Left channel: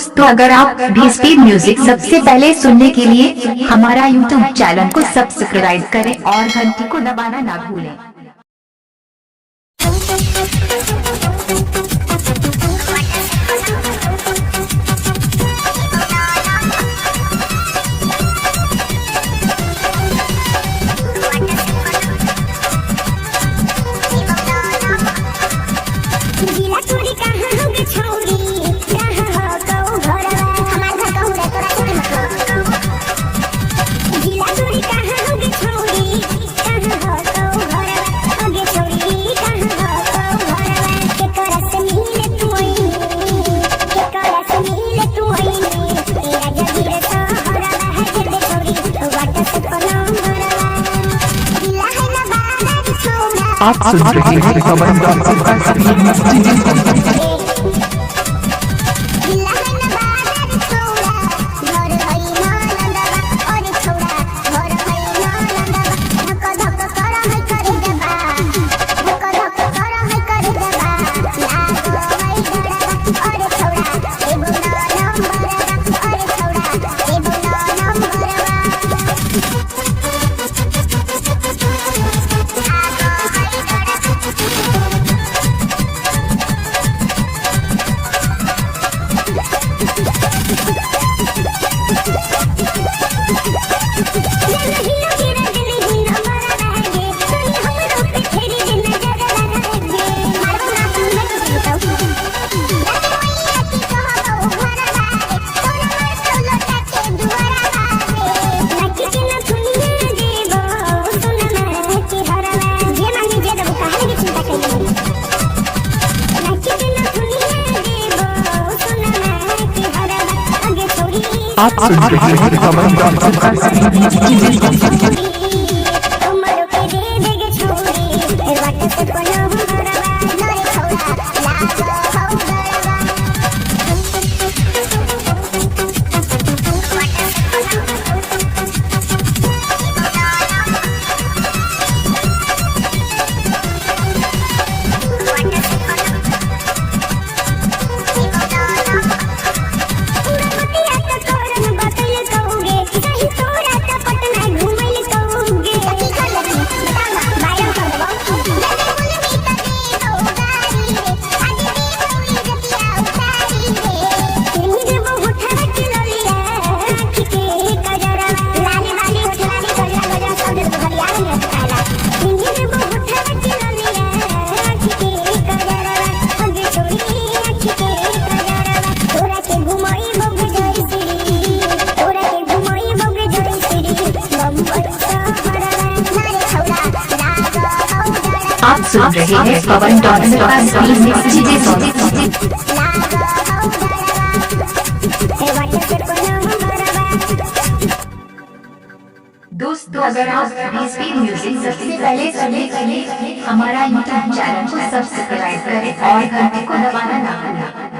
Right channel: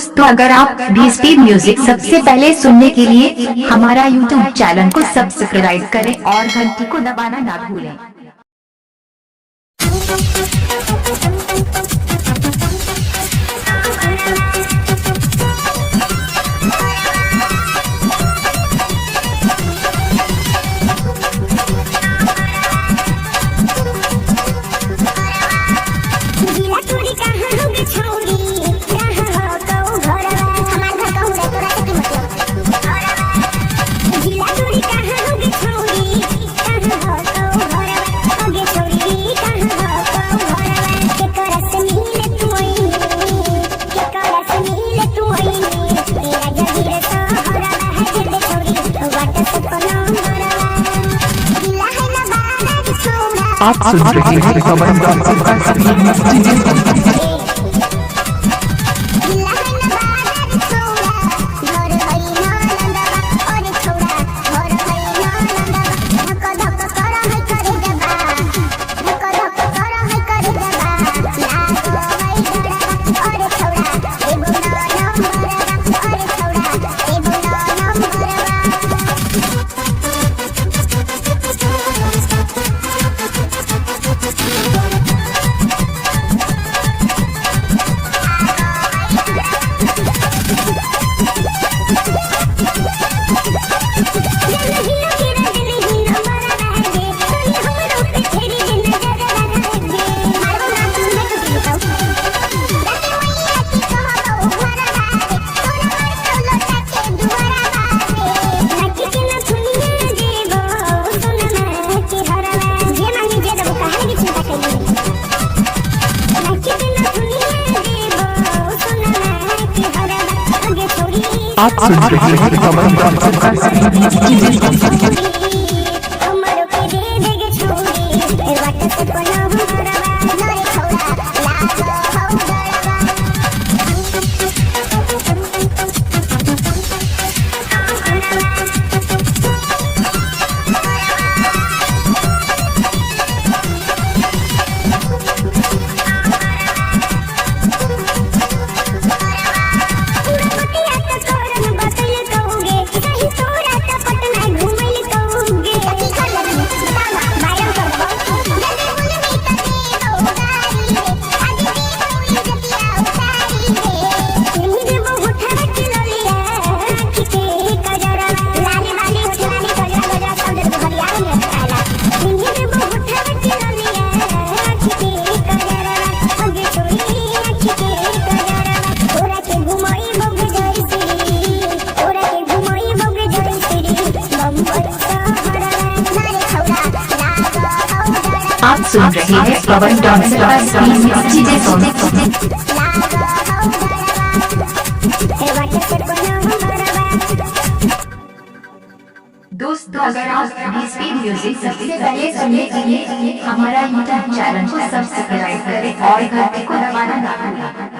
दोस्तों, अगर आप भी स्पीड म्यूजिक सबसे पहले सुनने के लिए हमारा यूट्यूब चैनल को सब्सक्राइब करें और घंटी को दबाना ना भूलें। आप सुन रहे हैं पवन आप सुन रहे हैं पवन आप सुन रहे हैं पवन दोस्तों, अगर आप भी स्पीड म्यूजिक सबसे पहले सुनने के लिए हमारा यूट्यूब चैनल को सब्सक्राइब करें और घंटी को दबाना ना भूलें।